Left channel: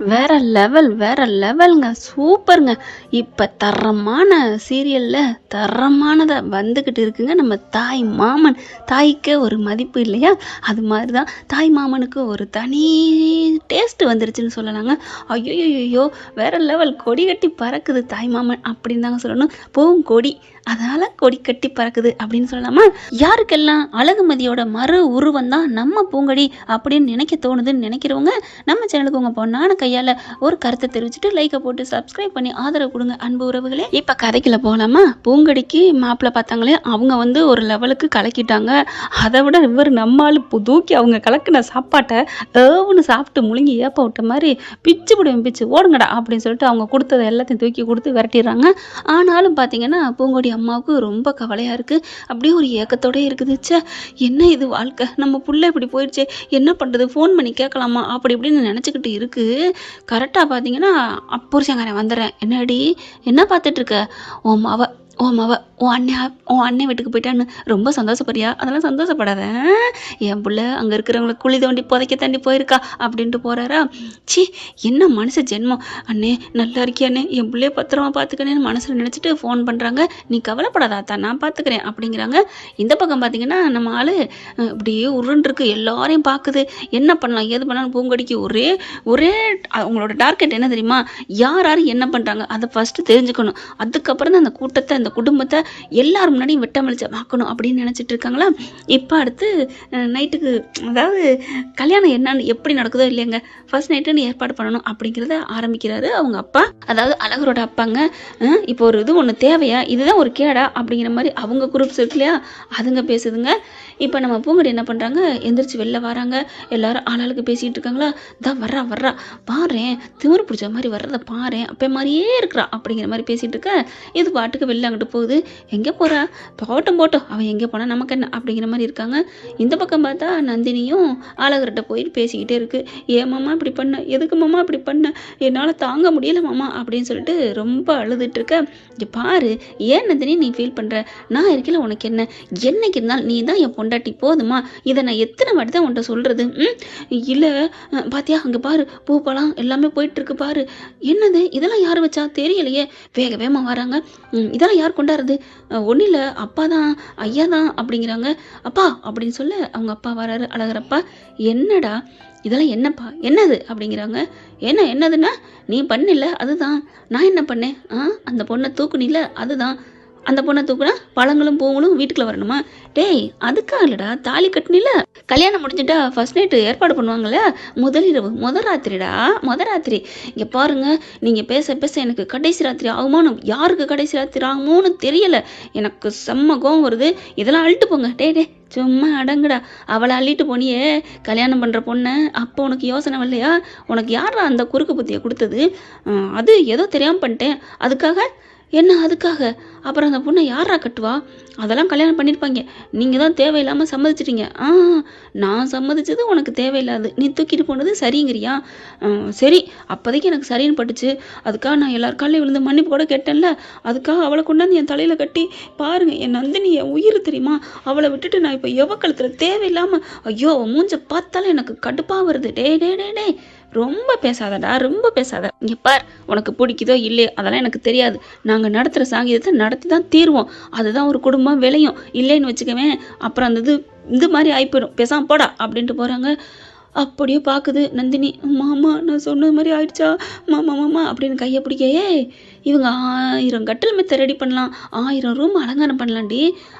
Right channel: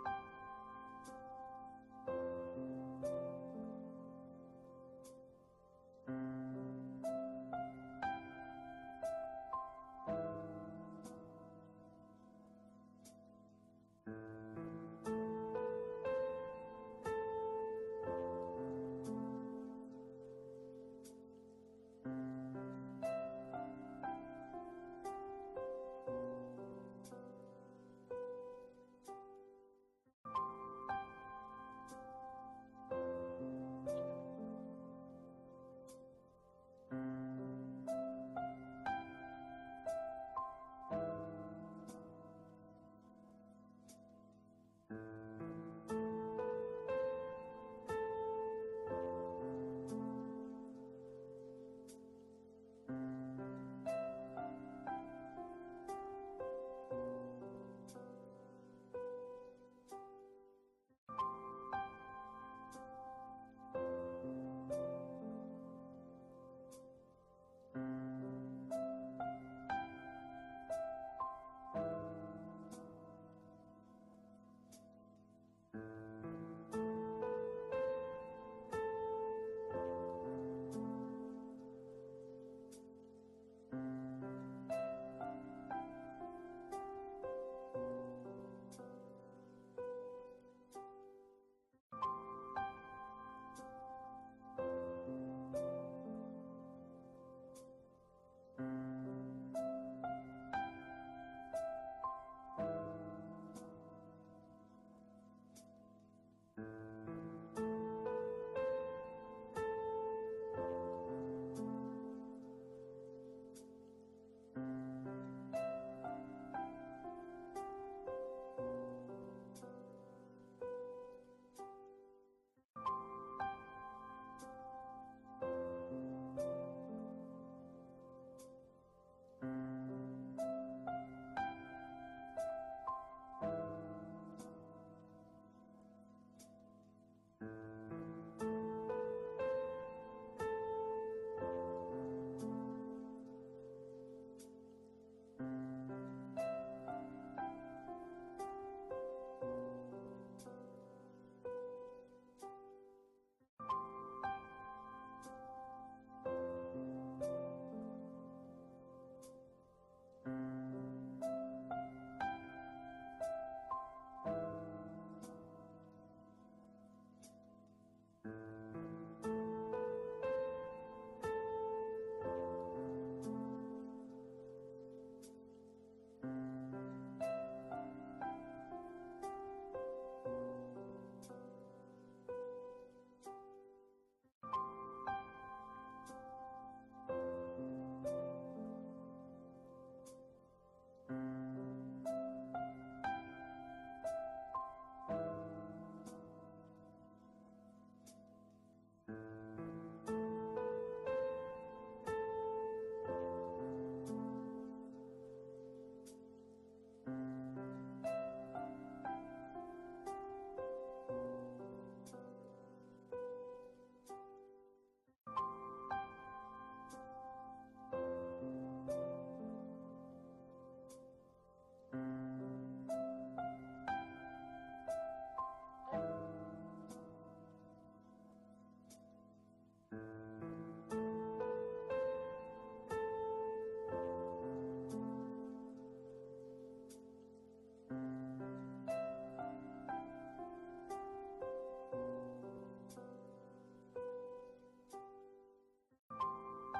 வேற லெவல் வேற லெவல்ங்க. சூப்பர்ங்க. இப்ப தரமான சீரியல்ல தரமானதா வந்துகிட்டு இருக்குங்க நம்ம தாய் மாமன். தாய்க்கே ஒரு மதிப்பு இல்லையா? அது மாதிரி தான் தாய் மாமனுக்கு ஒரு தனி டேஸ்ட் வந்துருச்சுன்னு சொல்லலாங்க. ஐயோ! வேற லெவல். கொடி கட்டி பறக்குது தாய் மாமன் அப்படின்னு தாங்க சொல்லணும். பூங்கொடி. அதனால கொடி கட்டி பறக்குது அப்படின்னு சொல்லலாமா? யாருக்கெல்லாம் அழகுமதியோட மறு உருவம் தான் நம்ம பூங்கொடி அப்படின்னு நினைக்க தோணுதுன்னு நினைக்கிறவங்க நம்ம சேனலுக்கு உங்க பொண்ணான கையால ஒரு கருத்தை தெரிவிச்சுட்டு லைக்கை போட்டு சப்ஸ்கிரைப் பண்ணி ஆதரவு கொடுங்க அன்பு உறவுகளே. இப்ப கதைக்குள்ள போகலாமா? பூங்கொடிக்கு மாப்பிள்ளை பார்த்தாங்களே, அவங்க வந்து ஒரு லெவலுக்கு கலக்கிட்டாங்க. அதை விட இவர் நம்மால் தூக்கி அவங்க கலக்கின சாப்பாட்டை ஏவுன்னு சாப்பிட்டு முழுங்கி ஏப்ப விட்ட மாதிரி பிச்சு பிடிவும் பிச்சு ஓடுங்கடா அப்படின்னு சொல்லிட்டு அவங்க கொடுத்ததை எல்லாத்தையும் தூக்கி கொடுத்து விரட்டிடுறாங்க. ஆனாலும் பார்த்தீங்கன்னா பூங்கொடி அம்மாவுக்கு ரொம்ப கவலையா இருக்கு. அப்படியே ஒரு ஏக்கத்தோட இருக்குது. ச்சே, என்ன இது வாழ்க்கை, நம்ம புள்ள இப்படி போயிடுச்சே, என்ன பண்றது, ஃபோன் பண்ணி கேட்கலாமா அப்படி இப்படின்னு நினச்சிக்கிட்டு இருக்கு. கரெக்டாக பார்த்தீங்கன்னா புருஷங்காரன் வந்துடுறேன். என்னடி என்ன பார்த்துட்டு இருக்க? ஓ மவ உன் அண்ணன் வீட்டுக்கு போயிட்டான்னு ரொம்ப சந்தோஷப்படுறியா? அதெல்லாம் சந்தோஷப்படாத. என் புள்ள அங்கே இருக்கிறவங்களை குழி தோண்டி புதைக்க தாண்டி போயிருக்கா அப்படின்ட்டு போகிறாரா? சி, என்ன மனுஷ ஜென்மம். அண்ணே நல்லா இருக்கியா அண்ணே, என் பிள்ளைய பத்திரமா பார்த்துக்கணேன்னு மனசில் நினச்சிட்டு ஃபோன் பண்ணுறாங்க. நீ கவலைப்படாதாத்தா, நான் பார்த்துக்கிறேன் அப்படிங்கிறாங்க. இந்த பக்கம் பார்த்தீங்கன்னா நம்ம ஆள் இப்படியே உருண்டுருக்கு, எல்லாரையும் பார்க்குது. என்ன பண்ணலாம் ஏது பண்ணலாம் பூங்கொடிக்கு ஒரே ஒரே அவங்களோட டார்கெட் என்ன தெரியுமா? யார் யார் என்ன பண்ணுறாங்க அதை ஃபஸ்ட்டு தெரிஞ்சுக்கணும். அதுக்கப்புறம் தான் அந்த கூட்டத்தை அந்த குடும்பத்தை எல்லாரும் முன்னாடியும் வெட்டமளிச்சமாக்கணும் அப்படின்னு நினச்சிட்டு இருக்காங்களா? இப்போ அடுத்து நைட்டுக்கு, அதாவது கல்யாணம் என்னன்னு எப்படி நடக்குதோ இல்லையாங்க, ஃபர்ஸ்ட் நைட்டுன்னு ஏற்பாடு பண்ணணும் அப்படிங்கிறத ஆரம்பிக்கிறாரு அவங்க அப்பா, அதாவது அழகரோட அப்பாங்க. இப்போ ஒரு இது ஒன்று தேவையா, இதுதான் ஒரு கேடா அப்படிங்கிற மாதிரி அவங்க குரூப்ஸ் இருக்கு இல்லையா, அதுங்க பேசுதுங்க. இப்போ நம்ம பூங்கொடி என்ன பண்ணுறாங்க, எந்திரிச்சு வெளில வராங்க. எல்லாரும் ஆளாளுக்கு பேசிகிட்டு இருக்காங்களா? தான் வர்றா பாரேன், திமிரு பிடிச்ச மாதிரி வர்றதை பாரேன், அப்போ மாதிரியே இருக்கிறா அப்படிங்கிற மாதிரி பேசிகிட்டு இருக்க. இது பாட்டுக்கு வெளில அங்கிட்டு போகுது. எங்கே போகிறா? போட்டோம் அவன் எங்கே போனால் நமக்கு என்ன அப்படிங்கிற மாதிரி இருக்காங்க. இந்த பக்கம் பார்த்தா நந்தினியும் ஆளகர்கிட்ட போயிட்டு பேசிக்கிட்டே இருக்கு. ஏன் மாமா இப்படி பண்ண, எதுக்கு மாமா இப்படி பண்ண, என்னால் தாங்க முடியல மாமா அப்படின்னு சொல்லிட்டு ரொம்ப அழுதுட்டு இருக்க. இங்கே பாரு, ஏன் நந்தினி நீ ஃபீல் பண்ணுற, நான் இருக்கல, உனக்கு என்ன, என்னைக்கு இருந்தாலும் நீ தான் என் பொண்டாட்டி, போதுமா? இதை நான் எத்தனை வாட்டி தான் உன்ட்ட சொல்கிறது? இல்லை பாத்தியா, அங்கே பாரு பூ பழம் எல்லாமே போயிட்டுருக்கு பாரு. என்னது இதெல்லாம் யார் வச்சா தெரியலையே, வேகமாக வராங்க. இதெல்லாம் யார் கொண்டாடுறது? ஒன்றும் இல்லை, அப்பா தான், ஐயா தான் அப்படிங்கிறாங்க. அப்பா அப்படின்னு சொல்ல அவங்க அப்பா வராரு. அழகரப்பா, என்னடா இதெல்லாம், என்னப்பா என்னது அப்படிங்கிறாங்க. என்னதுன்னா, நீ பண்ணில்ல அதுதான். நான் என்ன பண்ணேன்? அந்த பொண்ணை தூக்குனில்ல அதுதான். அந்த பொண்ணை தூக்குனா பழங்களும் பூங்களும் வீட்டுக்குள்ள வரணுமா? டேய், அதுக்காக இல்லடா, தாலி கட்டினில, கல்யாணம் முடிஞ்சுட்டா ஃபர்ஸ்ட் நைட்டு ஏற்பாடு பண்ணுவாங்கல்ல, முதலிரவு முத ராத்திரி. இங்கே பாருங்க, நீங்கள் பேச பேச எனக்கு கடைசி ராத்திரி ஆகுமானு, யாருக்கு கடைசி ராத்திரி ஆகுமோன்னு தெரியல, எனக்கு செம்ம கோவம் வருது. இதெல்லாம் அழிட்டு போங்க. டே சும்மா அடங்குடா. அவளை அள்ளிட்டு போனியே கல்யாணம் பண்ணுற பொண்ணை, அப்போ உனக்கு யோசனை வரலையா? உனக்கு யாரா அந்த குறுக்கு புத்தியை கொடுத்தது? அது ஏதோ தெரியாமல் பண்ணிட்டேன், அதுக்காக அப்புறம் அந்த பொண்ணை யாரா கட்டுவா? அதெல்லாம் கல்யாணம் பண்ணியிருப்பாங்க, நீங்கள் தான் தேவையில்லாமல் சம்மதிச்சிட்டீங்க. நான் சம்மதிச்சது உனக்கு தேவையில்லாது, நீ தூக்கிட்டு போனது சரிங்கிறியா? சரி, அப்போதைக்கு எனக்கு சரின்னு பட்டுச்சு, அதுக்காக நான் எல்லார் காலையும் விழுந்து மன்னிப்பு கூட கேட்டேன்ல, அதுக்காக அவளை கொண்டாந்து என் தலையில் கட்டி பாருங்கள், என் நந்தினி என் உயிர் தெரியுமா, அவளை விட்டுட்டு நான் இப்போ எவக்கழுத்தில் தேவையில்லாமல், ஐயோ மூஞ்ச பார்த்தாலும் எனக்கு கடுப்பாக வருது. டே ரொம்ப பேசாதடா, ரொம்ப பேசாத. இங்கே பார், உனக்கு பிடிக்குதோ இல்லையோ அதெல்லாம் எனக்கு தெரியாது, நாங்கள் நடத்துகிற சாங்கீதத்தை நடத்தி தான் தீர்வோம், அதுதான் ஒரு குடும்பம் விளையும். இல்லைன்னு வச்சுக்கவேன், அப்புறம் அந்த இது மாதிரி ஆகிப்போயிடும், பேசாமல் போடா அப்படின்ட்டு போகிறாங்க. அப்படியே பார்க்குது நந்தினி. மாமா நான் சொன்னது மாதிரி ஆயிடுச்சா மாமா அப்படின்னு கையை பிடிக்க. இவங்க 1000 கட்டில் மெத்தை ரெடி பண்ணலாம், 1000 ரூம் அலங்காரம் பண்ணலாண்டி,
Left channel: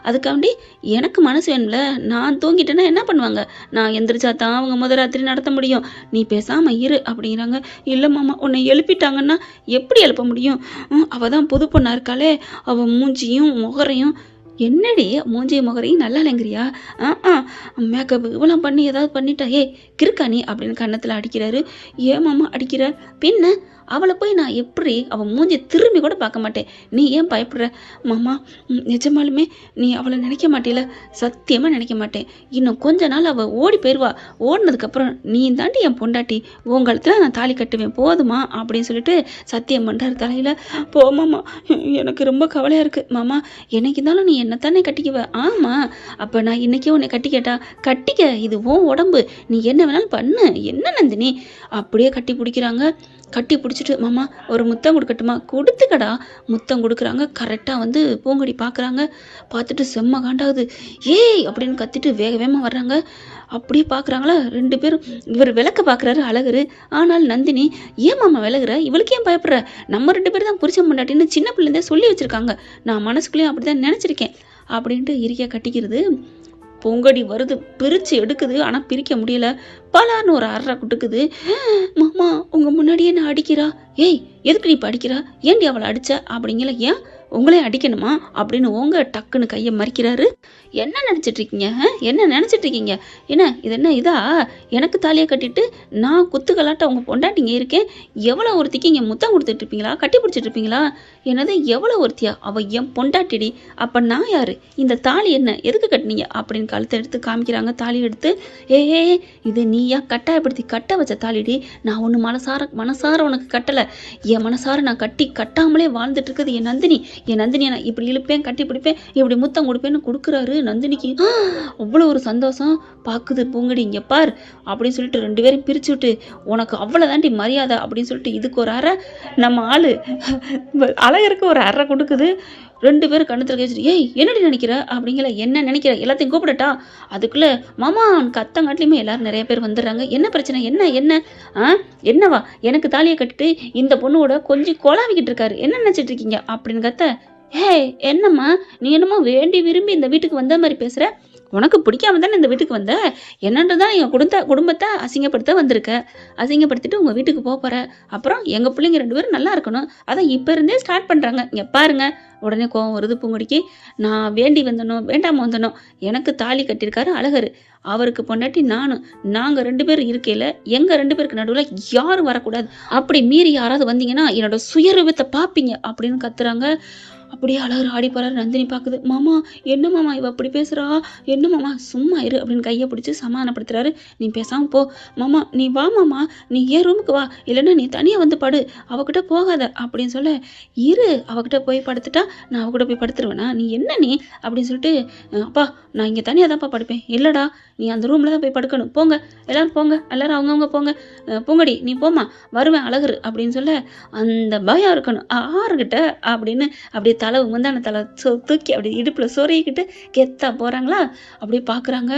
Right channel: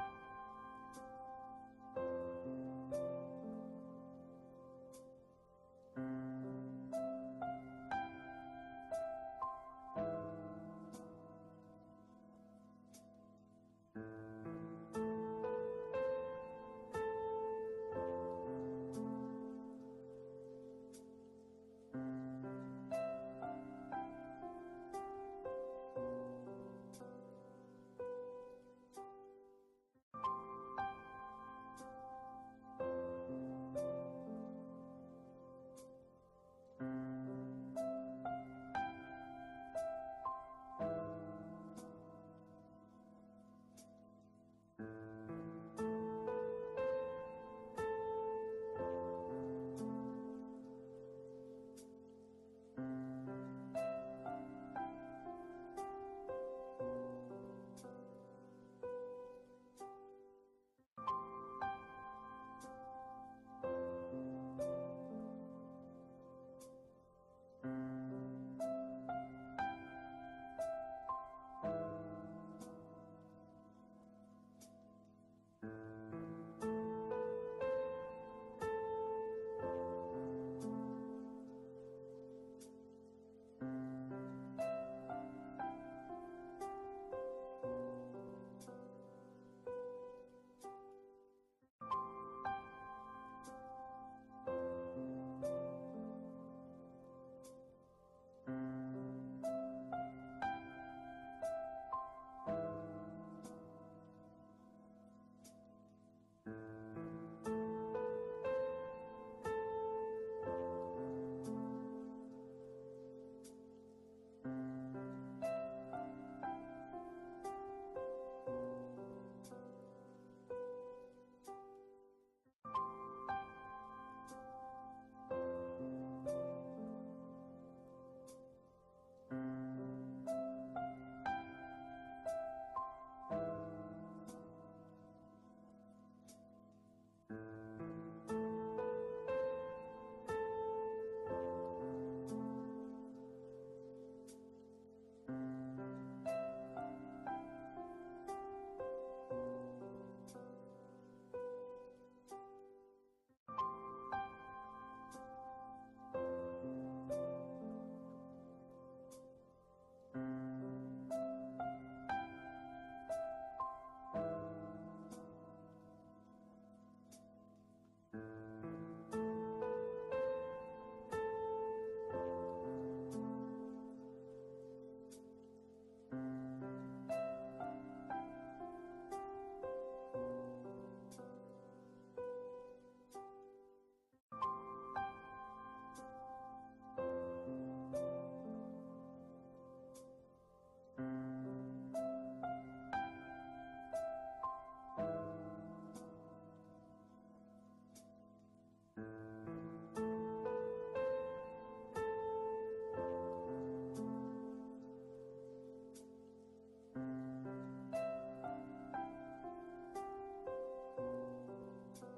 அதுக்காண்டி எனக்கு மனசு வேணும்ல, நான் தூங்கிட்டேன்னா என்ன பண்ணுவாங்க, நான் எந்திரிச்சா தான் அவங்க முதல் ராத்திரி நடத்த முடியும், நீ பேசாமல் இரு அப்படிங்கிறாங்க. இல்லை மாமா, உன்னை எழுப்பிட்டாங்கன்னா எப்படி எழுப்ப முடியும்? அவள் தான் புது பொண்ணா இருக்காளே, அவள் மூஞ்சியும் முகரையும், என்னடி மூஞ்சி முகரையும் நல்லா இல்லைங்கிறியா? மேக்கப் இவ்வளோ பண்ணி ஏதாவது பண்ணிட்டா, கிறுக்கா நீ அப்படின்னு கன்னத்தில் அடிக்கிறாரு. ஏன் மாமா அடிக்கிற? பின்ன அவளை போய் நான் எப்படி அவள் மூஞ்சி திரும்பி கூட பார்க்க மாட்டேன். நீ ஏன் பயப்படுற மாமா? நிஜமாலுமே நீ அவளை நினைக்க மாட்டேல? சத்தியமாக நினைக்க மாட்டேன். இன்னும் கொஞ்ச நாள் அவள் ஓடி போயிடுவா. ஓடினதுக்கப்புறம் நீ தாண்டி என் பொண்டாட்டி, உங்களத்துல நான் தாலி கட்டுவேன், போதுமா அப்படின்னு சொல்லிட்டு சத்தியம் பண்ணுறாரு தலையில். போமாம்மா, எனக்கு ரொம்ப கவலையாக இருக்குது மாமா. என்னைக்கு இருந்தாலும் நீ என்னத்தானே கட்டிக்குவ? ஆமாம், அப்போ நான் இன்றைக்கே உன்னை கட்டிக்கட்டா? கட்டிக்க, இது உன் உடம்பு, நீ என்ன வேணாலும் பண்ணு. என்ன நந்தினி? அப்படியே கட்டி பிடிக்கிறாங்க. கட்டி பிடிச்சிட்டு மாமா ஒரு முத்தம் கொடுக்கட்டுமா? கொடுத்துக்கடா. முத்தம் கொடுக்குறாங்க. கரெக்டாக வந்து பூங்கொடி பார்க்குறாங்க. பார்த்துட்டு செம்ம காண்டாகுது. ஏய் அப்படின்னு கத்திட்டு வேக வேகமாக வர்றாங்க. அப்படியே பார்க்குறாங்களா 2 பேரும். இவர் விளக்க பார்க்குறாரு அழகரு. ஆனால் நந்தினி, ஏன் மாமா விலகுற? இவளுக்கு ஏன் பயப்படுற? நம்ம 2 பேர் தான் புருஷன் பொண்டாட்டின்னு சின்ன பிள்ளைந்தே சொல்லி வச்சுருக்காங்க. நான் மனசுக்குள்ளேயும் அப்படி தான் நினச்சிருக்கேன் அப்படின்ட்டு இறுக்கிய கட்டிக்கிறது. பொங்கடி வருது, பிரித்து எடுக்குது. ஆனால் பிரிக்க முடியல. பலான்னு ஒரு அரை குட்டுக்குது. மாமா உங்கள் முன்னாடியே நான் அடிக்கிறா. ஏய் எதுக்கு நீ இப்போ அடிக்கிறா? ஏன்டி அவளை அடிச்ச அப்படிங்கல. ஏன் உங்களே அடிக்கணுமா அப்படின்னு உங்க டக்குன்னு கையை மறிக்கிறாரு. என்ன நினச்சிட்டு இருக்கீங்க? என்ன நினச்சிட்டு இருக்கீங்க? என்ன இது என்ன இதா? எனக்கு தாலியை கட்டிட்டு நான் குத்துக்கலாட்ட உங்கள் பொண்டாட்டிங்க இருக்கேன். எவ்வளோ ஒருத்திக்கு இங்கே முத்தம் கொடுத்துட்டு இருப்பீங்களா? கட்டி பிடிச்சிட்டு இருப்பீங்களா? என்னது எவ்வளோ ஒருத்தியா? அவள் என் பொண்டாட்டிடி. அப்போ நான் யார்? இந்த தாலி என்ன எதுக்கு கட்டினீங்க அப்படின்னு கழுத்தை எடுத்து காமிக்கிறாங்க. தாலி எடுத்து, ஏ இது நீயா கட்டாயப்படுத்தி கட்ட வச்ச தாலிடி. நான் ஒன்று மனசார உனக்கு கட்டலை. என் மனசார நான் கட்டி கட்டாமலே வாழ்ந்துட்டு இருக்குது என் நந்தினி. என் நந்தினியை நான் இப்படி இழுப்பேன், கட்டி பிடிப்பேன், இப்படி முத்தம் கொடுப்பேன்னு கொடுக்குறாரு. நந்தினிக்கு அவ்வளோ ஒரு சந்தோஷம். பார்க்குது பூங்கடி, இங்கே பார் அப்படின்னு சொல்லிட்டு 2 பேரும் பிரித்து விட்டு, உனக்கு அவ்வளோதாண்டி மரியாதை அப்படின்னு சொல்லிட்டு இதுக்கு ஒரு அறை, நம்ம ஆள் அழகருக்கு ஒரு அறை கொடுக்குது. 2 பேரும் கண்ணத்தில் கேச்சுட்டு, ஏய் என்னடி நினைக்கிற அப்படிங்கிற. என்ன நினைக்கிற? எல்லாத்தையும் கூப்பிடட்டா? அதுக்குள்ளே மாமா அவனுக்கு அத்தங்காட்டிலையுமே எல்லாரும் நிறைய பேர் வந்துடுறாங்க. என்ன பிரச்சனை? என்ன என்னவா? எனக்கு தாலியை கட்டிட்டு இந்த பொண்ணோட கொஞ்சம் கொலாவிக்கிட்டு இருக்காரு, என்ன நினச்சிட்டு இருக்கீங்க அப்படின்னு கத்த. ஏய் என்னம்மா நீ என்னமோ வேண்டி விரும்பி இந்த வீட்டுக்கு வந்த மாதிரி பேசுகிற? உனக்கு பிடிக்காம தானே இந்த வீட்டுக்கு வந்த? என்னன்றதான் என் குடும்பத்தை அசிங்கப்படுத்த வந்திருக்க. அசிங்கப்படுத்திட்டு உங்கள் வீட்டுக்கு போகிற. அப்புறம் எங்கள் பிள்ளைங்க 2 பேரும் நல்லா இருக்கணும், அதான் இப்போ இருந்தே ஸ்டார்ட் பண்ணுறாங்க. இங்கே பாருங்க. உடனே கோவம் வருது பூங்கொடிக்கு. நான் வேண்டி வந்தனோ வேண்டாம வந்தனோ, எனக்கு தாலி கட்டியிருக்காரு அழகரு, அவருக்கு பொண்டாட்டி நாங்கள் 2 பேர் இருக்கையில் எங்கள் 2 பேருக்கு நடுவில் யாரும் வரக்கூடாது. அப்படி மீறி யாராவது வந்தீங்கன்னா என்னோட சுயரூபத்தை பார்ப்பீங்க அப்படின்னு கத்துறாங்க. அப்படியே அழகர் ஆடி போறாரு. நந்தினி பார்க்குது. மாமா என்ன மாமா இவ அப்படி பேசுறா? என்ன மாமா சும்மா இரு அப்படின்னு கையை பிடிச்சி சமாதானப்படுத்துறாரு. நீ பேசாம போ மாமா, நீ வா மாமா, நீ ஏன் ரூமுக்கு வா, இல்லைன்னா நீ தனியாக வந்து படு, அவகிட்ட போகாத அப்படின்னு சொல்ல. இரு, அவகிட்ட போய் படுத்துட்டா நான் அவகிட்ட போய் படுத்துருவேனா? நீ என்ன நீ அப்படின்னு சொல்லிட்டு, அப்பா நான் இங்கே தனியாக தான்ப்பா படுப்பேன். இல்லைடா நீ அந்த ரூமில் தான் போய் படுக்கணும், போங்க எல்லாரும் போங்க, எல்லாரும் அவங்கவுங்க போங்க, பூங்கடி நீ போமா, வருவேன் அழகரு அப்படின்னு சொல்ல. அந்த பயம் இருக்கணும் ஆறுகிட்ட அப்படின்னு அப்படியே தலை முந்தான தலை தூக்கி அப்படி இடுப்பில் சொருகிக்கிட்டு கெத்தா போகிறாங்களா. அப்படியே பார்க்குறாங்க.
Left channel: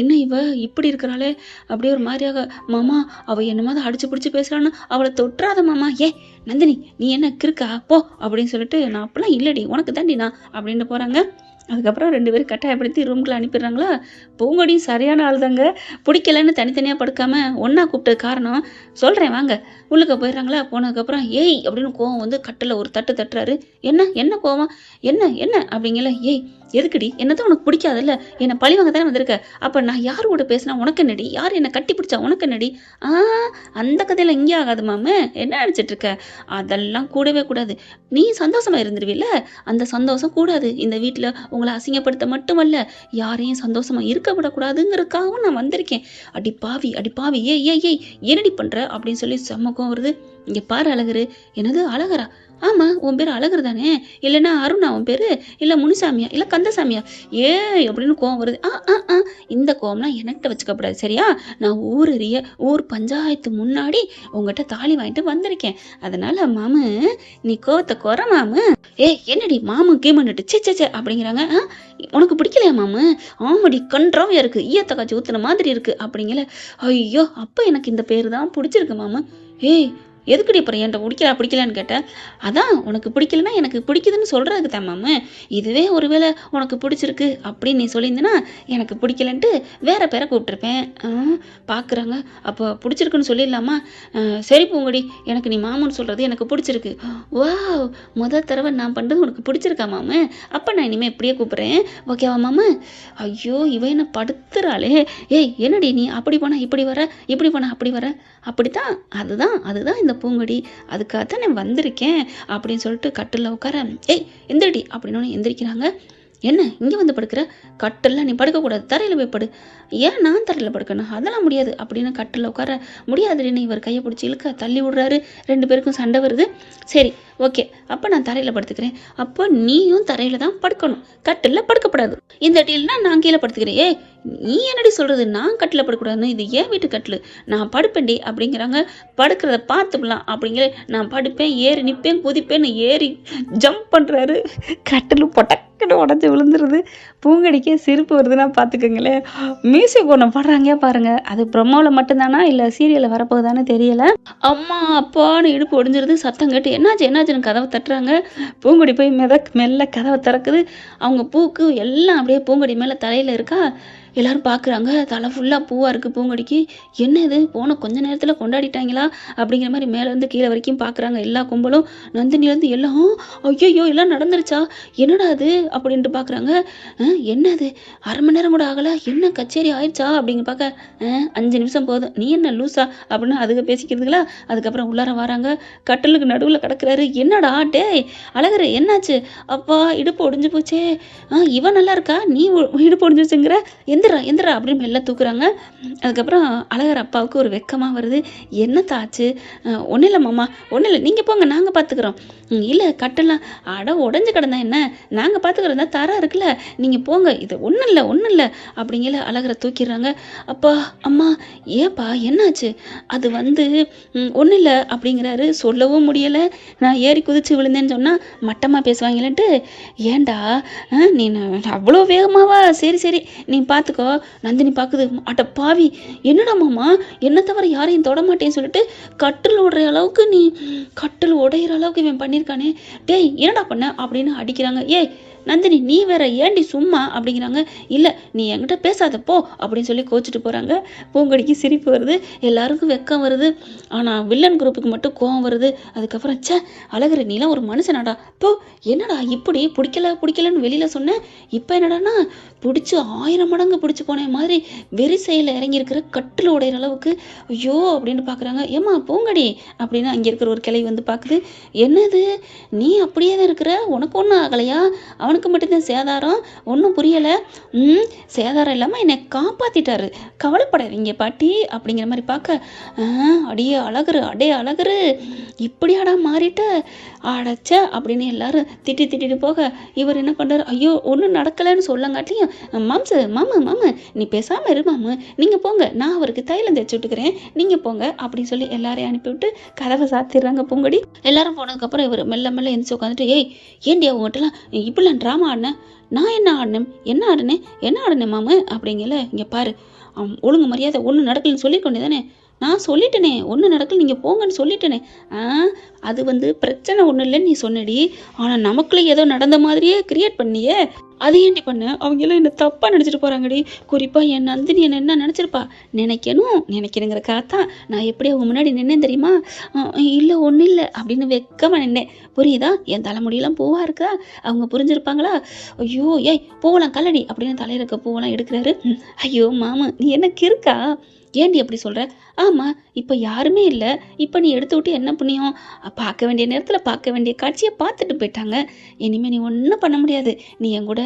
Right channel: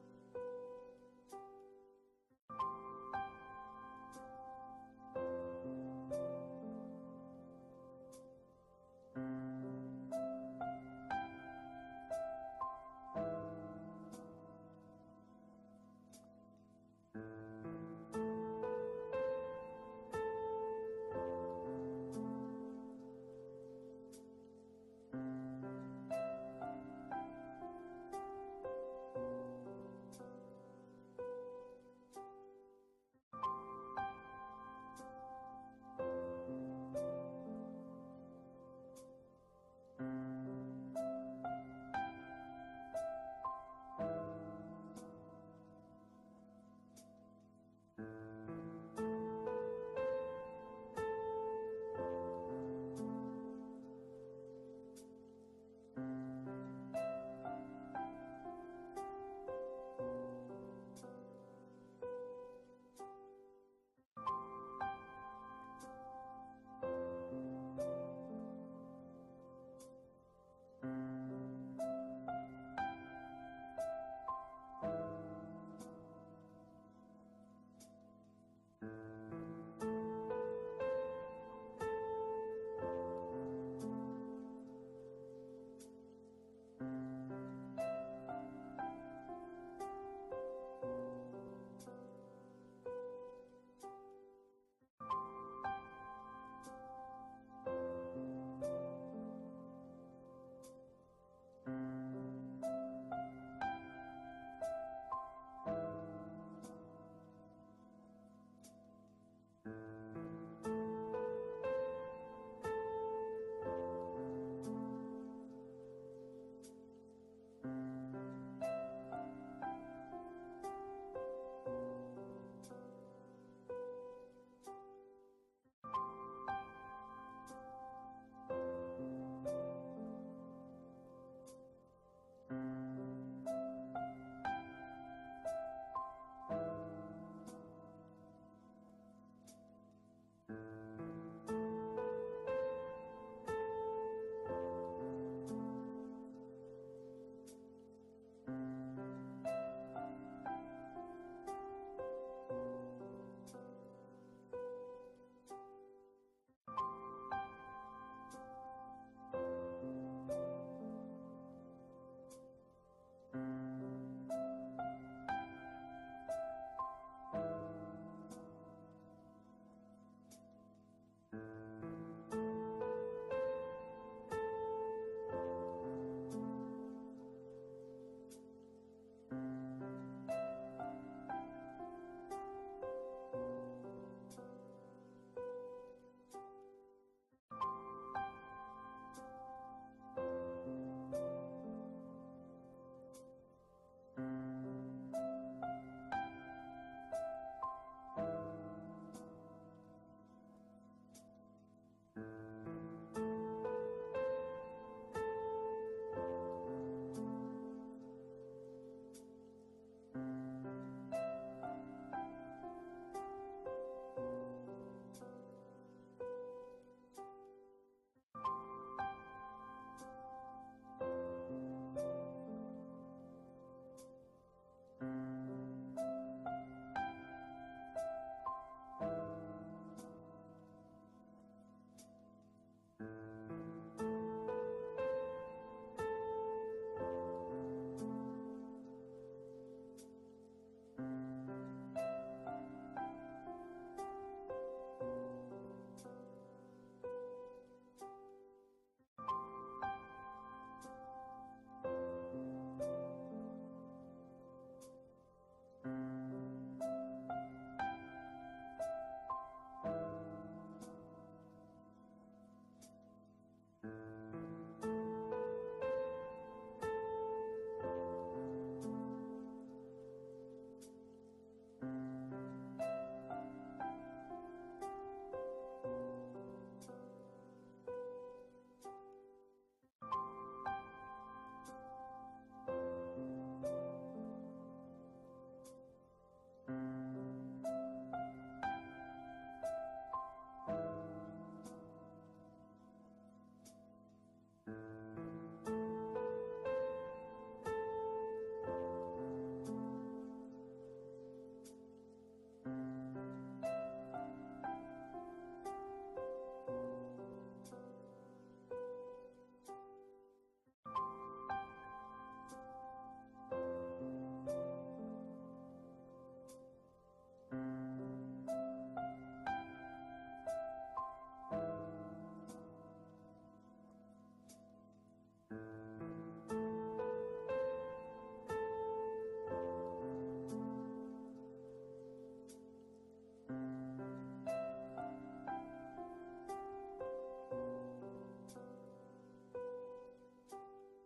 என்ன இவ இப்படி இருக்கிறாளே அப்படியே ஒரு மாதிரியாக. மாமா அவள் என்னமாதிரி அடிச்சு பிடிச்சி பேசுகிறான்னு அவளை தொட்டுறாத மாமா. ஏ நந்தினி நீ என்ன கிறுக்கா போ அப்படின்னு சொல்லிட்டு, நான் அப்பெல்லாம் இல்லடி உனக்கு தாண்டி நான் அப்படின்ட்டு போகிறாங்க. அதுக்கப்புறம் 2 பேரும் கட்டாயப்படுத்தி ரூம்குள்ளே அனுப்பிடுறாங்களா. பூங்கொடியும் சரியான ஆள் தாங்க. பிடிக்கலன்னு தனித்தனியாக படுக்காம ஒன்றா கூப்பிட்டது காரணம் சொல்கிறேன் வாங்க. உள்ளுக்க போயிடுறாங்களா. போனதுக்கப்புறம் ஏய் அப்படின்னு கோவம் வந்து கட்டில் ஒரு தட்டு தட்டுறாரு. என்ன கோவம்? என்ன அப்படிங்கல. ஏய் எதுக்குடி? என்னதான் உனக்கு பிடிக்காதுல்ல, என்னை பழிவாங்க தானே வந்திருக்க. அப்போ நான் யார் கூட பேசினா உனக்கு என்னடி? யார் என்னை கட்டி பிடிச்சா உனக்கு என்னடி? அந்த கதையில் இங்கே ஆகாது மாமு, என்ன நினச்சிட்டு இருக்க? அதெல்லாம் கூடவே கூடாது. நீ சந்தோஷமாக இருந்துருவில்ல, அந்த சந்தோஷம் கூடாது. இந்த வீட்டில் உங்களை அசிங்கப்படுத்த மட்டுமல்ல, யாரையும் சந்தோஷமாக இருக்க விடக்கூடாதுங்கிறதுக்காகவும் நான் வந்திருக்கேன். அடி பாவி ஏய் என்னடி பண்ணுற அப்படின்னு சொல்லி செம்மக்கம் வருது. இங்கே பாரு அழகரு. என்னது அழகரா? ஆமாம் உன் பேர் அழகர் தானே, இல்லைன்னா அருணா உன் பேர், இல்லை முனிசாமியா, இல்லை கந்தசாமியா? ஏய் அப்படின்னு கோவம் வருது. இந்த கோவம்லாம் என்கிட்ட வச்சுக்கப்படாது சரியா? நான் ஊர் பஞ்சாயத்து முன்னாடி உங்ககிட்ட தாலி வாங்கிட்டு வந்திருக்கேன். அதனால மாமு நீ கோவத்தை குறை மாமு. என்னடி மாமு கீமன்னுட்டு சே அப்படிங்கிறாங்க. உனக்கு பிடிக்கலையா மாமு? ஆமாடி கன்றாவையா இருக்கு, ஈயத்தை காய்ச்சி ஊத்துன மாதிரி இருக்கு அப்படிங்கல. ஐயோ அப்போ எனக்கு இந்த பேர் தான் பிடிச்சிருக்கு மாமு. ஏய் எதுக்குடி அப்புறம் என்கிட்ட பிடிக்கலான்னு கேட்டேன். அதான் உனக்கு பிடிக்கலன்னா எனக்கு பிடிக்குதுன்னு சொல்கிறதுக்கு தான் மாமு. இதுவே ஒருவேளை உனக்கு பிடிச்சிருக்கு அப்படின்னு நீ சொல்லியிருந்தேன்னா எனக்கு பிடிக்கலன்ட்டு வேற பேரை கூப்பிட்டுருப்பேன். பார்க்குறாங்க. அப்போ பிடிச்சிருக்குன்னு சொல்லிடலாமா? சரி பூங்கொடி, எனக்கு நீ மாமுன்னு சொல்கிறது எனக்கு பிடிச்சிருக்கு. வா தடவை நான் பண்ணுறது உனக்கு பிடிச்சிருக்கா மாமு? அப்போ நான் இனிமேல் இப்படியே கூப்பிட்றேன், ஓகேவா மாமு? ஐயோ இவ என்ன படுத்துறாளே. ஏய் என்னடி நீ அப்படி போனால் இப்படி வர, இப்படி போனால் அப்படி வர? அப்படித்தான் அதுதான் இந்த பூங்கொடி, அதுக்காக தான் நான் வந்திருக்கேன் அப்படின்னு சொல்லிட்டு கட்டில்ல உட்கார, ஏய் எந்திரடி அப்படின்னு எந்திரிக்கிறாங்க. என்ன இங்கே வந்து படுக்கிற? கட்டில்ல நீ படுக்கக்கூடாது, தரையில் போய் படு. ஏன் நான் தரையில் படுக்கணும்? அதெல்லாம் முடியாது அப்படின்னு கட்டில் உட்கார, முடியாதுன்னு இவர் கையை பிடிச்சி இழுக்க தள்ளி விடுறாரு. 2 பேருக்கும் சண்டை வருது. சரி ஓகே, அப்போ நான் தரையில் படுத்துக்கிறேன். அப்போ நீயும் தரையில் தான் படுக்கணும், கட்டில்ல படுக்கப்படாது. இந்த டீல்னா நான் கீழே படுத்துக்கிறேன். ஏய் நீ என்னடி சொல்கிறது? நான் கட்டில் படுக்கக்கூடாதுன்னு, இது ஏன் வீட்டு கட்டில், நான் படுப்பேன்டி அப்படிங்கிறாங்க. படுக்கிறத பார்த்துக்கலாம் அப்படிங்கிற, நான் படுப்பேன், ஏறி நிற்பேன், குதிப்பேன்னு ஏறி ஜம்ப் பண்ணுறாரு. கட்டில் பொட்டக்குன்னு உடஞ்சி விழுந்துருது. பூங்கடிக்கே சிரிப்பு வருதுன்னா பார்த்துக்கோங்களேன். மியூசிக் ஒன்று பாடுறாங்க பாருங்க, அது ப்ரொமோவில் மட்டும்தானா இல்லை சீரியலில் வரப்போகுதான்னு தெரியல. அம்மா அப்பான்னு இடுப்பு ஒடிஞ்சிருது. சத்தம் கேட்டு என்னாச்சு என்னாச்சுன்னு கதவை தட்டுறாங்க. பூங்கொடி போய் மெல்ல கதவை திறக்குது. அவங்க பூக்கு எல்லாம் அப்படியே பூங்கொடி மேலே தலையில் இருக்கா. எல்லாரும் பார்க்குறாங்க, தலை ஃபுல்லாக பூவாக இருக்குது பூங்கொடிக்கு. என்ன இது, போன கொஞ்ச நேரத்தில் கொண்டாடிட்டாங்களா அப்படிங்கிற மாதிரி மேலேருந்து கீழே வரைக்கும் பார்க்குறாங்க எல்லா கும்பலும். நந்தினிலேருந்து எல்லாம் ஐயோ எல்லாம் நடந்துருச்சா, என்னடா அது அப்படின்ட்டு பார்க்குறாங்க. என்னது, அரை மணி நேரம் கூட ஆகலை, என்ன கச்சேரி ஆயிடுச்சா அப்படிங்க பார்க்க, 5 நிமிஷம் போதும், நீ என்ன லூஸா அப்படின்னு அதுக்கு பேசிக்கிறதுங்களா. அதுக்கப்புறம் உள்ளார வராங்க. கட்டலுக்கு நடுவில் கிடக்குறாரு. என்னடா டேய் அழகரு, என்னாச்சு? அப்பா இடுப்பு ஒடிஞ்சு போச்சே. இவன் நல்லா இருக்கா, நீ இடுப்பு ஒடிஞ்சிச்சுங்கிற, எந்திரா அப்படின்னு மெல்ல தூக்குறாங்க. அதுக்கப்புறம் அழகர் அப்பாவுக்கு ஒரு வெக்கமாக வருது. என்னத்த ஆச்சு? ஒன்றும் இல்லை மாமா, ஒன்றும் இல்லை, நீங்கள் போங்க, நாங்கள் பார்த்துக்குறோம். இல்லை கட்டலாம் அட உடஞ்சி கிடந்தா என்ன, நாங்கள் பார்த்துக்குறோம் தான், தரா இருக்குல்ல, நீங்கள் போங்க, இது ஒன்றும் இல்லை அப்படிங்கிற அழகரை தூக்கிடுறாங்க. அப்பா அம்மா ஏப்பா என்னாச்சு? அது வந்து ஒன்றும் இல்லை அப்படிங்கிறாரு. சொல்லவும் முடியலை. நான் ஏறி குதிச்சு விழுந்தேன்னு சொன்னால் மட்டமாக பேசுவாங்களேன்ட்டு, ஏண்டா நீ அவ்வளோ வேகமாவா? சரி நீ பார்த்துக்கோ. நந்தினி பார்க்குது, அட பாவி என்னடா மாமா, என்ன தவிர யாரையும் தொட மாட்டேன்னு சொல்லிட்டு கட்டில் உடையிற அளவுக்கு இவன் பண்ணியிருக்கானே, டேய் என்னடா பண்ண அப்படின்னு அடிக்கிறாங்க. ஏய் நந்தினி நீ வேற ஏண்டி சும்மா அப்படிங்கிறாங்க. இல்லை நீ என்கிட்ட பேசாத போ அப்படின்னு சொல்லி கோச்சிட்டு போகிறாங்க. பூங்கொடிக்கு சிரிப்பு வருது, எல்லாருக்கும் வெக்கம் வருது. ஆனால் வில்லன் குரூப்புக்கு மட்டும் கோவம் வருது. அதுக்கப்புறம் அழகரு நீலாம் ஒரு மனுஷனாடா போ, என்னடா இப்படி பிடிக்கலன்னு வெளியில் சொன்னேன், இப்போ என்னடானா பிடிச்சி 1000 மடங்கு பிடிச்சி போன மாதிரி வெறிசையில் இறங்கியிருக்கிற கட்டில் உடையிற அளவுக்கு. ஐயோ அப்படின்னு பார்க்குறாங்க. ஏம்மா பூங்கடி அப்படின்னு அங்கே இருக்கிற ஒரு கிளை வந்து பார்க்குது. என்னது நீ அப்படியே தான் இருக்கிற, உனக்கு ஒன்றும் ஆகலையா? அவனுக்கு மட்டும்தான் சேதாரம், ஒன்றும் புரியலை. சேதாரம் இல்லாமல் என்னை காப்பாற்றிட்டாரு, கவலைப்படாதீங்க பாட்டி அப்படிங்கிற மாதிரி பார்க்க, அடியே அழகரு இப்படியாடா மாறிட்ட, அடைச்ச அப்படின்னு எல்லாரும் திட்டிட்டு போக, இவர் என்ன பண்ணுறாரு, ஐயோ ஒன்றும் நடக்கலைன்னு சொல்லங்காட்டியும், மாமு நீ பேசாமல் இரு மாமு, நீங்கள் போங்க, நான் அவருக்கு தைலம் தேய்ச்சி விட்டுக்கிறேன், நீங்கள் போங்க அப்படின்னு சொல்லி எல்லாரையும் அனுப்பிவிட்டு கதவை சாத்திடுறாங்க பூங்கொடி. எல்லாரும் போனதுக்கப்புறம் இவர் மெல்ல எந்திரிச்சு உட்காந்துட்டு, ஏய் ஏண்டி அவங்ககிட்டலாம் இப்படிலாம் ட்ராமா ஆடினேன், நான் என்ன ஆடினேன் மாமு அப்படிங்கல, இங்கே பாரு ஒழுங்கு மரியாதை ஒன்றும் நடக்கலன்னு சொல்லிக்கொண்டே தானே, நான் சொல்லிட்டேனே ஒன்றும் நடக்கல, நீங்கள் போங்கன்னு சொல்லிட்டேனே. அது வந்து பிரச்சனை ஒன்றும் இல்லைன்னு நீ சொன்னடி, ஆனால் நமக்குள்ளே ஏதோ நடந்த மாதிரியே கிரியேட் பண்ணியே, அது ஏண்டி பண்ண? அவங்க எல்லாம் என்ன தப்பாக நினச்சிட்டு போகிறாங்கடி. குறிப்பாக என் நந்தினி என்ன நினச்சிருப்பா, நினைக்கணுங்கிறக்காக தான் நான் எப்படி அவங்க முன்னாடி நின்னேன் தெரியுமா? இல்லை ஒன்றும் இல்லை அப்படின்னு வெக்கமாக நின்னேன், புரியுதா? என் தலைமுடியெல்லாம் பூவாக இருக்கா, அவங்க புரிஞ்சிருப்பாங்களா? ஐயோ ஏய் பூவெல்லாம் கல்லடி அப்படின்னு தலையில் இருக்க பூவெல்லாம் எடுக்கிறாரு. ஐயோ மாமா நீ என்ன கிறுக்கா, ஏண்டி அப்படி சொல்கிற? ஆமாம் இப்போ யாருமே இல்லை, இப்போ நீ எடுத்து விட்டு என்ன புண்ணியம்? பார்க்க வேண்டிய நேரத்தில் பார்க்க வேண்டிய காட்சியை பார்த்துட்டு போயிட்டாங்க, இனிமேல் நீ ஒன்றும் பண்ண முடியாது, நீ என் கூட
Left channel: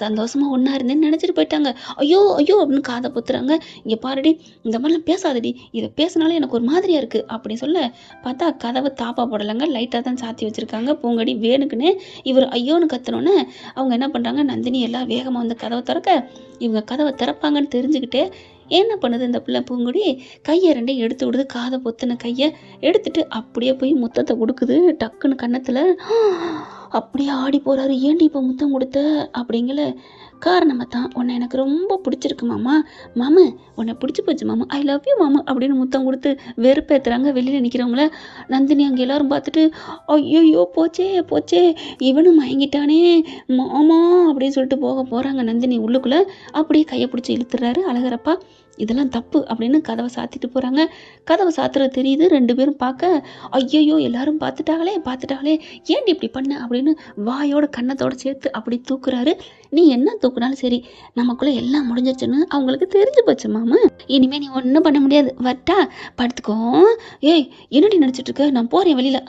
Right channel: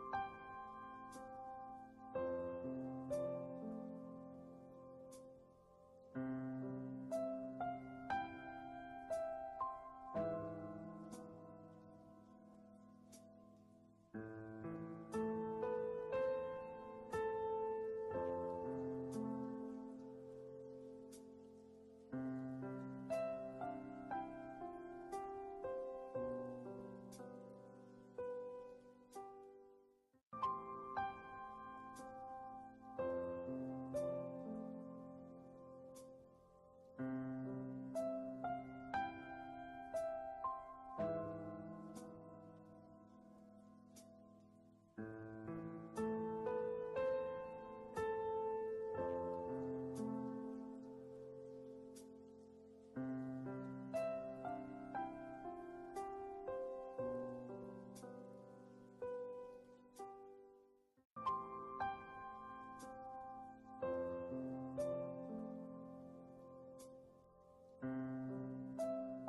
சந்தோஷமாக ஒன்றா இருந்தேன்னு நினச்சிட்டு போயிட்டாங்க. ஐயோ அப்படின்னு காதை பொத்துறாங்க. இங்கே பாருடி, இந்த மாதிரிலாம் பேசாதடி, இதை பேசினாலும் எனக்கு ஒரு மாதிரியாக இருக்குது அப்படின்னு சொல்ல பார்த்தா கதவை தாப்பா போடலைங்க, லைட்டாக தான் சாத்தி வச்சுருக்காங்க. பூங்கொடி வேணுக்குன்னு இவர் ஐயோன்னு கத்துனோன்னே அவங்க என்ன பண்ணுறாங்க, நந்தினி எல்லாம் வேகமாக வந்து கதவை திறக்க, இவங்க கதவை திறப்பாங்கன்னு தெரிஞ்சுக்கிட்டே என்ன பண்ணுது இந்த பிள்ளை பூங்குடி, கையை 2 எடுத்து விடுது, காதை பொத்தின கையை எடுத்துட்டு அப்படியே போய் முத்தத்தை கொடுக்குது டக்குன்னு கன்னத்தில். அப்படியே ஆடி போகிறாரு. ஏண்டி இப்போ முத்தம் கொடுத்த அப்படிங்கல, காரணமாக தான் உன்னை எனக்கு ரொம்ப பிடிச்சிருக்கு மாமா உன்னை பிடிச்சி போச்சு மாமா, ஐ லவ் யூ மாமா அப்படின்னு முத்தம் கொடுத்து வெறுப்பேற்றுறாங்க வெளியில் நிற்கிறவங்கள. நந்தினி அங்கே எல்லாரும் பார்த்துட்டு ஐயோ போச்சே இவனும் மயங்கிட்டானே மாமா அப்படின்னு சொல்லிட்டு போகிறாங்க. நந்தினி உள்ளுக்குள்ளே அப்படியே கையை பிடிச்சி இழுத்துறாரு அழகரப்பா. இதெல்லாம் தப்பு அப்படின்னு கதவை சாத்திட்டு போகிறாங்க. கதவை சாத்துறது தெரியுது. 2 பேரும் பார்க்க, ஐயையோ எல்லாரும் பார்த்துட்டாங்களே ஏன்டி இப்படி பண்ண அப்படின்னு வாயோட கன்னத்தோட சேர்த்து அப்படி தூக்குறாரு. நீ என்ன தூக்குனாலும் சரி, நமக்குள்ள எல்லாம் முடிஞ்சிருச்சுன்னு அவங்களுக்கு தெரிஞ்சு போச்சு மாமா. இனிமே நீ ஒன்றும் பண்ண முடியாது, வட்டா படுத்துக்கோ. ஏய் என்னடி நினச்சிட்டு இருக்க, நான் போகிறேன் வெளியில்.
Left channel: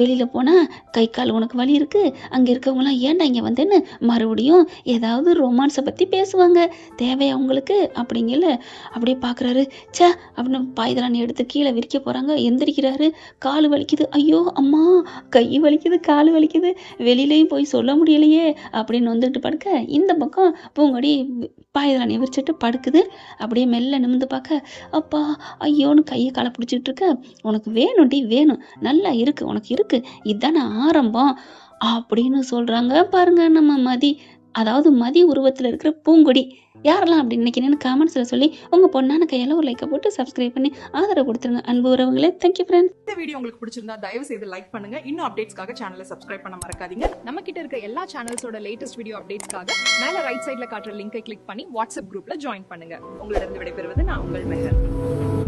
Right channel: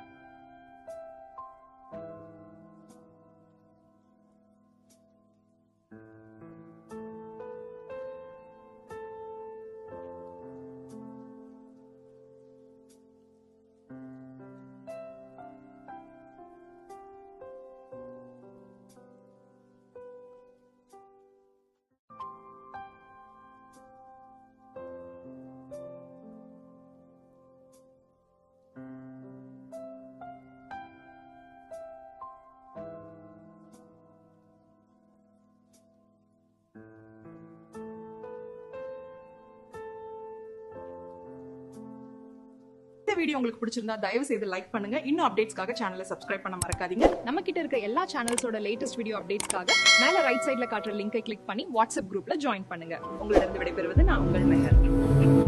வெளியில் போனால் கை கால் உனக்கு வலி இருக்கு, அங்கே இருக்கவங்களாம் ஏன்டா இங்கே வந்தேன்னு மறுபடியும் ஏதாவது ரொமான்ஸை பற்றி பேசுவாங்க, தேவையா உங்களுக்கு அப்படிங்கல. அப்படியே பார்க்குறாரு. ச்சே அப்படின்னு பாய்தலான்னு எடுத்து கீழே விரிக்க போகிறாங்க. எந்திரிக்கிறாரு. கால் வலிக்குது, ஐயோ அம்மா கை வலிக்குது, கால் வலிக்குது, வெளியிலையும் போய் சொல்ல முடியலையே அப்படின்னு வந்துட்டு படுக்க, இந்த பக்கம் பூங்கொடி பாய்தலான்னு விரிச்சிட்டு படுக்குது. அப்படியே மெல்ல நிமிந்து பார்க்க, அப்பா ஐயோன்னு கையை காலை பிடிச்சிட்டு இருக்க. உனக்கு வேணும்டி வேணும், நல்லா இருக்கு உனக்கு இருக்கு, இதுதானே ஆரம்பம் அப்படின்னு சொல்றாங்க பாருங்க நம்ம மதி. அதாவது மதி உருவத்தில் இருக்கிற பூங்கொடி. யாரெல்லாம் அப்படி நினைக்கிறேன்னு கமெண்ட்ஸில் சொல்லி உங்கள் பொண்ணான கையால் ஒரு லைக்கை போட்டு சப்ஸ்கிரைப் பண்ணி ஆதரவு கொடுத்துருங்க அன்பு உறவுகளே. Thank you friends. இந்த வீடியோ உங்களுக்கு பிடிச்சிருந்தா தயவு செய்து லைக் பண்ணுங்க. இன்னும் அப்டேட்ஸ்க்காக சேனலை சப்ஸ்கிரைப் பண்ண மறக்காதீங்க. நம்ம கிட்ட இருக்க எல்லா சேனல்ஸோட லேட்டஸ்ட் வீடியோ அப்டேட்ஸ்க்காக மேல ரைட் சைடுல காட்டுற லிங்கை கிளிக் பண்ணி வாட்ஸ்அப் குரூப்ல ஜாயின் பண்ணுங்க. உங்களிடம் விடைபெறுவது நான் உங்கள் மெஹர்.